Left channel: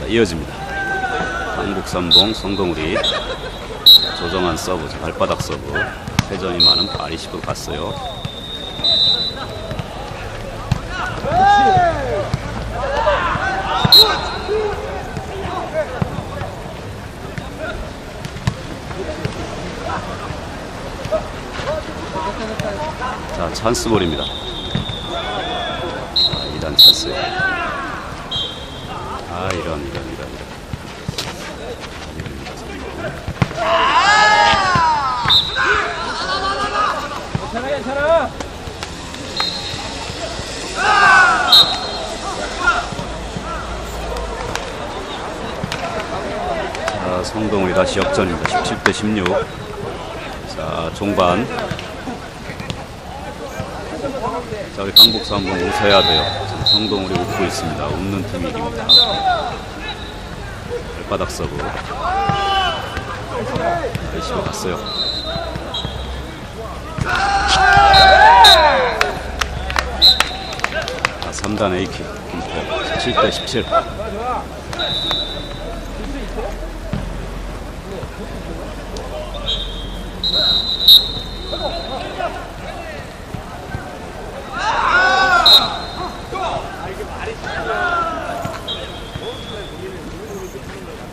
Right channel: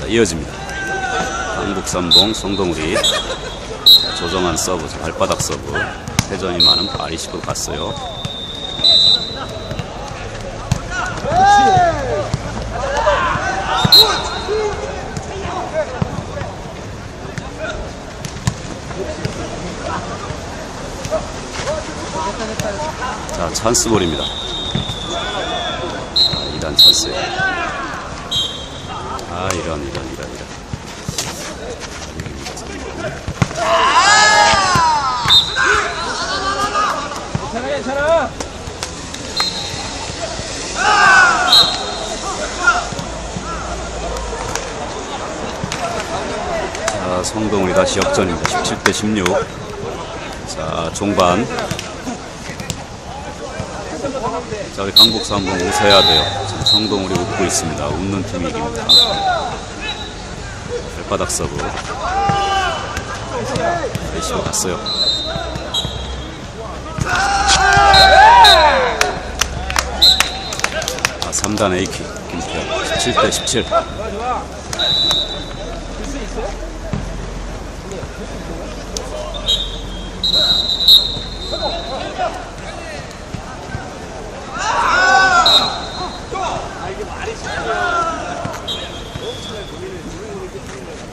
자, 이어집니다. 강북삼봉 성동우리 자, 조정한 서브, 자, 발바닥 서브. 회전이 많은 아리시고 갔어요. 자, 찬스볼입니다. 자, 2단 찬스. 아, 이런, 이런, 이런, 이런. 자, 성동우리 다시 역전입니다. 17대 16. 자, 종반. 자, 우리 강북사 한번 웃어야 돼요. 성동우리 웃고 있습니다. 웃는 팀이 이깁니다. 발바닥 서브. 아이시로 갔어요. 아, 3단 A킥 김태현 17대 17.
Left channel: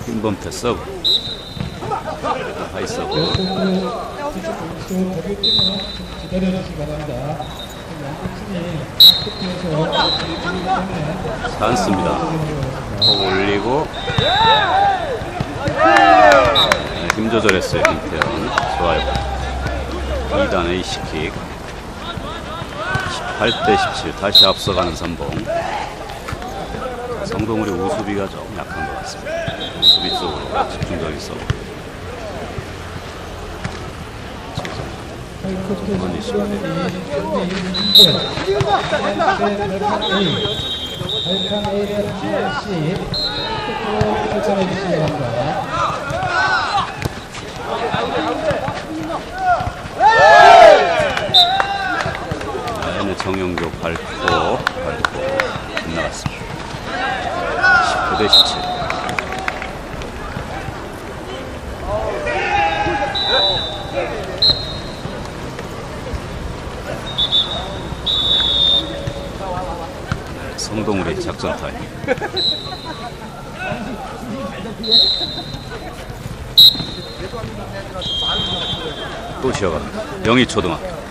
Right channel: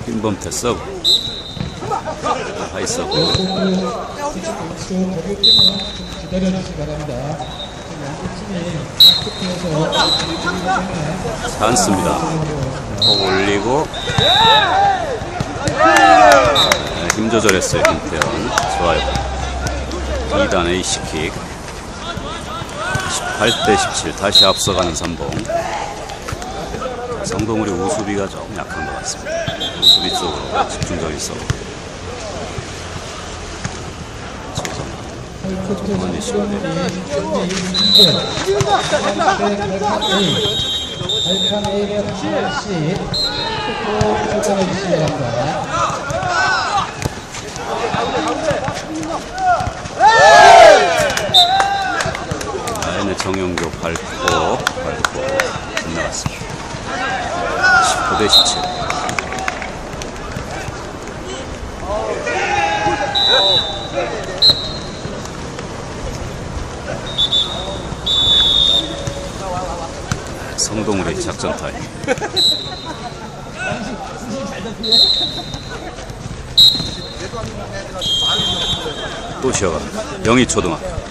김범태 서브 하이 서브 단스입니다. 올리고. 네, 힘 조절했어요 김태현. 좋아요. 2단 A시킥. 18대 17 다시 앞서가는 삼봉. 자, 성동우리 우수비가 조금 약한 것 같습니다 우수비 쪽으로 집중적인 서브 조성 헐크트 원리 선수는 현재 2문제 8칸 A 8칸 A를 꼭 결정해 주시기 바랍니다. 아, 정영교 밟고 밟고 빗나갔습니다 19대 17 성동우리 작전 타임. 또 쉬어갑니다. 영희 초등학교